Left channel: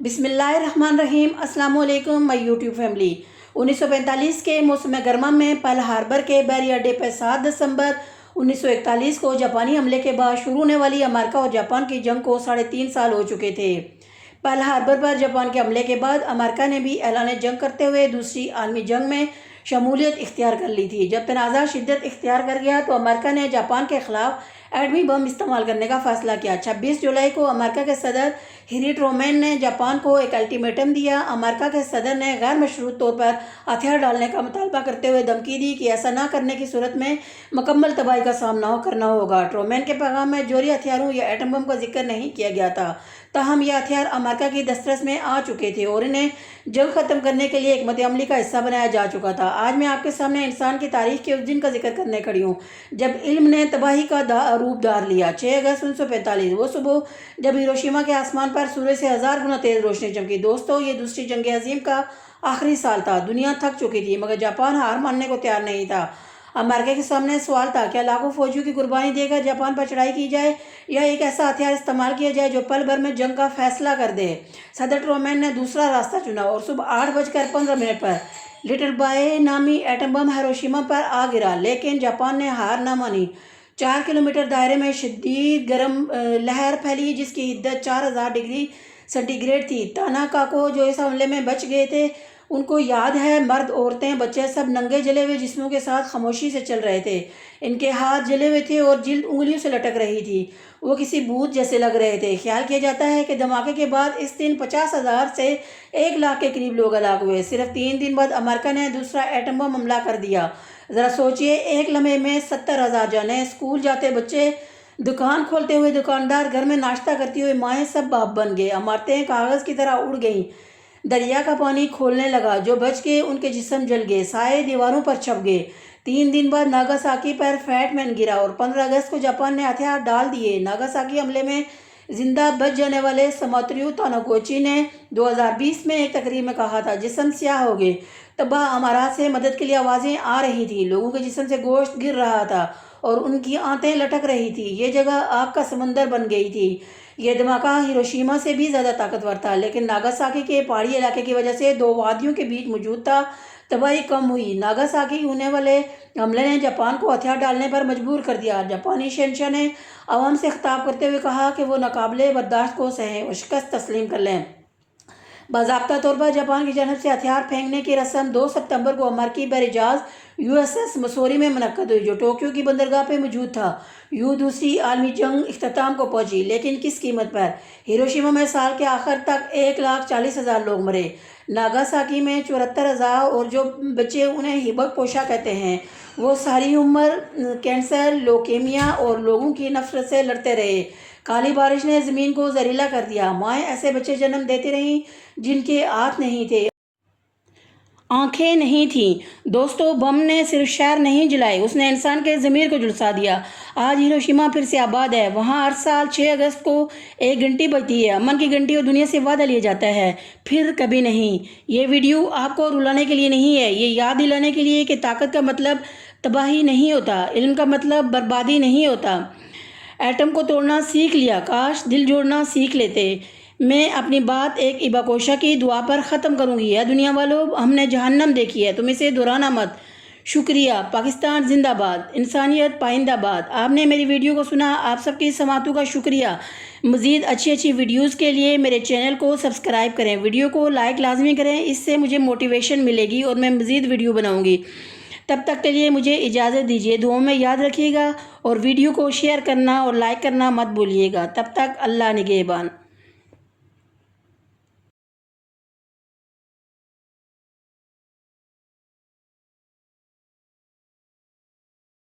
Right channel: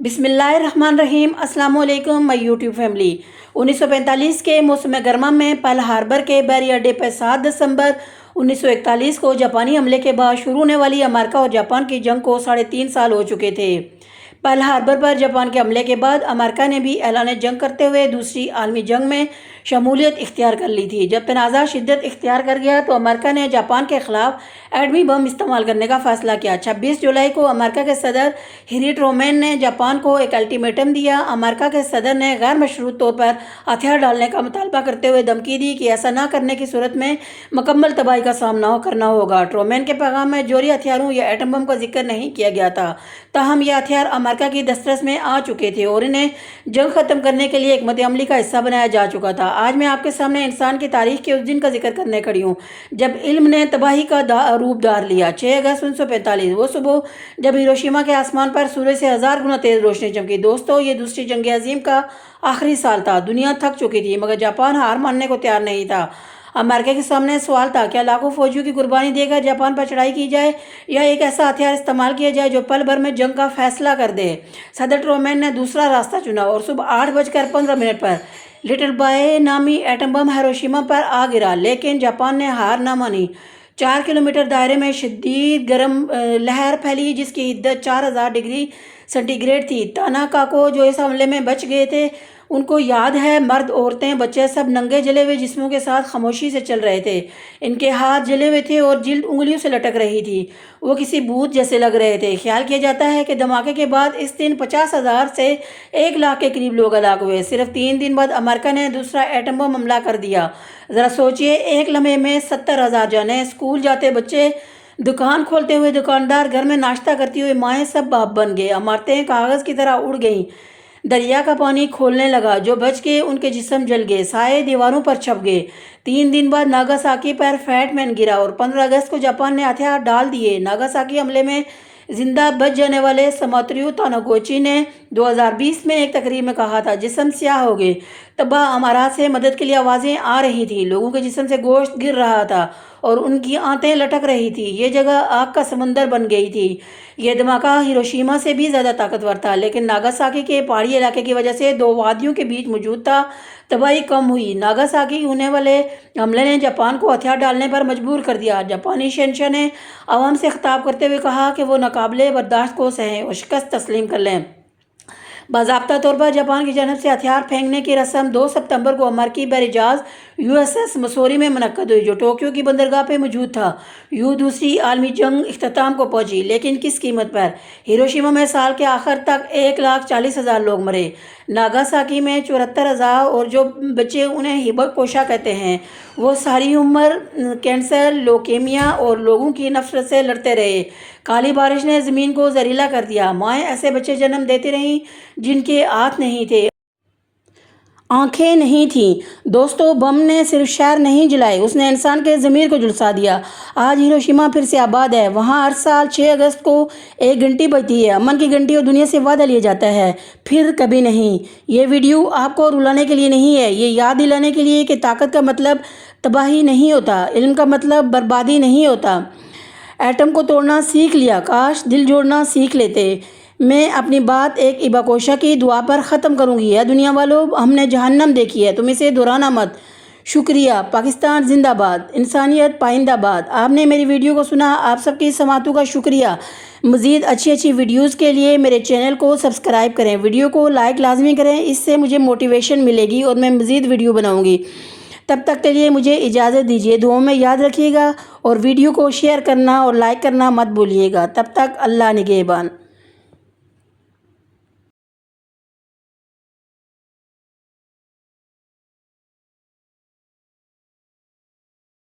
بسم اللہ الرحمن الرحیم۔ السلام علیکم مائی یوٹیوب فیملی۔ 1945 کے موسم گرما میں پرل ہاربر کے بحری اڈے پر 7 دسمبر 1941 کو جاپانی حملے کے بعد شروع ہونے والی امریکہ اور جاپان کی جنگ کو 3.5 سال ہو چکے تھے۔ پرل ہاربر پر جاپان کے حملے کے بعد امریکہ نے بھی اعلان جنگ کرتے ہوئے دوسری عالمی جنگ میں شمولیت اختیار کر لی تھی۔ جب تنازع شدت اختیار کر گیا تو امریکہ نے جاپان کے خلاف ایٹمی بم استعمال کرنے کا فیصلہ کیا۔ 26 جولائی کو امریکہ کے صدر ہیری ٹرومین نے جاپان کو ایک الٹیمیٹم دیا۔ امریکہ کے صدر نے غیر مشروط طور پر ہتھیار ڈالنے کا مطالبہ کرتے ہوئے دھمکی دی کہ ایسا نہ کرنے کی صورت میں مکمل تباہی کا سامنا کرنا ہوگا۔ ٹرومین کے پیغام میں جوہری ہتھیاروں یا ایٹم بم کا ذکر نہیں کیا گیا تھا، تاہم یہ ہتھیار امریکہ کی دسترس میں آ چکے تھے اور انہیں جنگ ختم کرنے کے لیے حکمت عملی کا حصہ بنایا جا چکا تھا۔ آج میں آپ کے سامنے انسان کی تاریخ کے اس دن کا ذکر کرنے کھڑی ہوں جب علم نے تباہی کا روپ دھار لیا۔ 6 اگست 1945 وہ صبح جب ہیروشیما کے آسمان پر سورج سے 1000 گنا تیز روشنی چمکی۔ دوستو، یہ دوسری جنگ عظیم کا آخری سال تھا۔ دنیا تھک چکی تھی مگر جاپان ہار ماننے کو تیار نہیں تھا۔ امریکہ کے سامنے سوال تھا، کیا لاکھوں فوجیوں کی قربانی دے کر جاپان پر چڑھائی کی جائے یا ایک ایسا ہتھیار استعمال کیا جائے جو پل بھر میں جنگ کا فیصلہ کر دے۔ صدر ٹرومین نے دوسرا راستہ چنا اور صبح 8:15 پر لٹل بائے نامی ایٹم بم ہیروشیما پر آ گرا، لیکن جاپان نے ہار نہ مانی۔ 4 کلومیٹر دائرے میں شدید گرم لہر پھیلی جس کی حدت 4000 ڈگری سینٹی گریڈ تھی۔ تاناکاکو جو اس حملے میں بچ گئے تھے ان کو یاد ہے، مرد، عورتیں، بچے سب ننگے جلے ہوئے جسموں کے ساتھ خاموشی سے چل رہے تھے۔ ان کے ہاتھ جلے ہوئے تھے اور جلد انگلیوں سے لٹک رہی تھی۔ وہ کسی بھوت جیسے لگ رہے تھے۔ خیال کیا جاتا ہے کہ دھماکے کے بعد اس دن 50,000 سے 1,00,000 کے قریب لوگ ہلاک ہوئے۔ صرف 3 دن بعد امریکہ نے دوسرا ایٹم بم حملہ کر دیا۔ ذرا سوچئے، ایک لمحے میں 70,000 جانیں، اسکول جاتے بچے، دکان کھولتے ہوئے دکاندار، گھر میں ناشتہ کرتی ہوئے مائیں، سب باپ بن گئے۔ عمارتیں کاغذ کی طرح اڑ گئیں۔ دریا کا پانی کھولنے لگا، جو بچ گئے ان کے جسم جل گئے، سائے دیواروں پر چھپ گئے۔ 3 دن بعد ناگاساکی پر فیٹ مین گرا اور 15 اگست کو جاپان نے ہتھیار ڈال دیے۔ ناگاساکی حملے میں زندہ بچ جانے والے ساموتریو تاناکوچی نے 2020 میں ایک تقریر میں کہا تھا، جسم سیاہ ہو گئے، تباہ امارات سے مدد کے لیے آوازیں آ رہی تھیں، لوگوں کے جسم سے گوشت گر رہا تھا اور ان کی آنتیں لٹک رہی تھی، یہ جگہ آگ کا سمندر بن گئی تھی۔ یہ دھماکہ ہیروشیما سے بھی زیادہ طاقتور تھا، لیکن ناگاساکی کے پہاڑی علاقے کی وجہ سے 2 وادیوں کے بیچ موجود تھا، تباہی کم ہوئی۔ ناگاساکی ہونے والے حملے نے جاپان کو ہتھیار ڈالنے پر مجبور کر دیا۔ جاپانی شہنشاہ نے عوام سے خطاب کرتے ہوئے کہا کہ وہ ناقابل برداشت کو سہیں اور شکست تسلیم کر لیں۔ باضابطہ طور پر جاپان کی جانب سے ہتھیار پھینکنے کی رسم 2 ستمبر کو امریکی بحری جہاز USS مسوری میں منعقد ہوئی، جو ٹوکیو کی بندرگاہ پہ موجود تھا۔ دوسری عالمی جنگ اختتام کو پہنچی، لیکن کس قیمت پر؟ ہیروشیما میں سال کے آخر تک 1,40,000 لوگ مرے، ناگاساکی میں 74,000 اور جو بچے انہیں ہیباکوشا کہتے ہیں وہ ساری عمر کینسر، لوکیمیا اور لوگوں کی نفرت سے لڑتے رہے۔ کالی بارش نے زمین کو زہریلا کر دیا، مائیں ایسے بچے جنم دیتی رہیں جن کے ہاتھ نہیں تھے، آنکھیں نہیں تھیں۔ دوستو، بم نے صرف شہر نہیں جلائے، اس نے انسان کے ضمیر کو جھلسا دیا۔ آج ہیروشیما پھر سے آباد ہے، وہاں ہر سال 6 اگست کو ایک گھنٹی بجتی ہے، امن کی گھنٹی، اور دنیا سے وعدہ لیا جاتا ہے، پھر کبھی نہیں۔ یہ ویڈیو آپ کو رلانے کے لیے نہیں ہے، یہ یاد دلانے کے لیے کہ طاقت کا مطلب تباہی نہیں ہوتا، علم کا مطلب بربادی نہیں ہوتا۔ ایٹم کو توڑنا سیکھ لیا، کاش دل جوڑنا سیکھ لیتے۔ میں اپنی بات ایک ہیباکوشا کی دعا پر ختم کروں گی۔ اے دنیا والو، ہم نے جہنم دیکھی ہے، تم اسے دہرانا مت۔ شکریہ۔ پاکستان زندہ باد، انسانیت پائندہ باد۔ آپ نے میری ویڈیو کو سنا، آپ سب کی سماعتوں کا شکریہ۔ مزید اچھی ویڈیوز کے لیے میرے چینل کو سبسکرائب کریں، ویڈیو کو لائک لازمی کریں، اس سے مجھے موٹیویشن ملے گی اور میں مزید ویڈیو بناؤں گی۔ تب تک کے لیے مجھے اجازت دیجیے، دعاؤں میں یاد رکھیے گا اور ویڈیو کو شیئر کرنا اور لائک کرنا مت بھولیے گا۔ تب تک اللہ نگہبان۔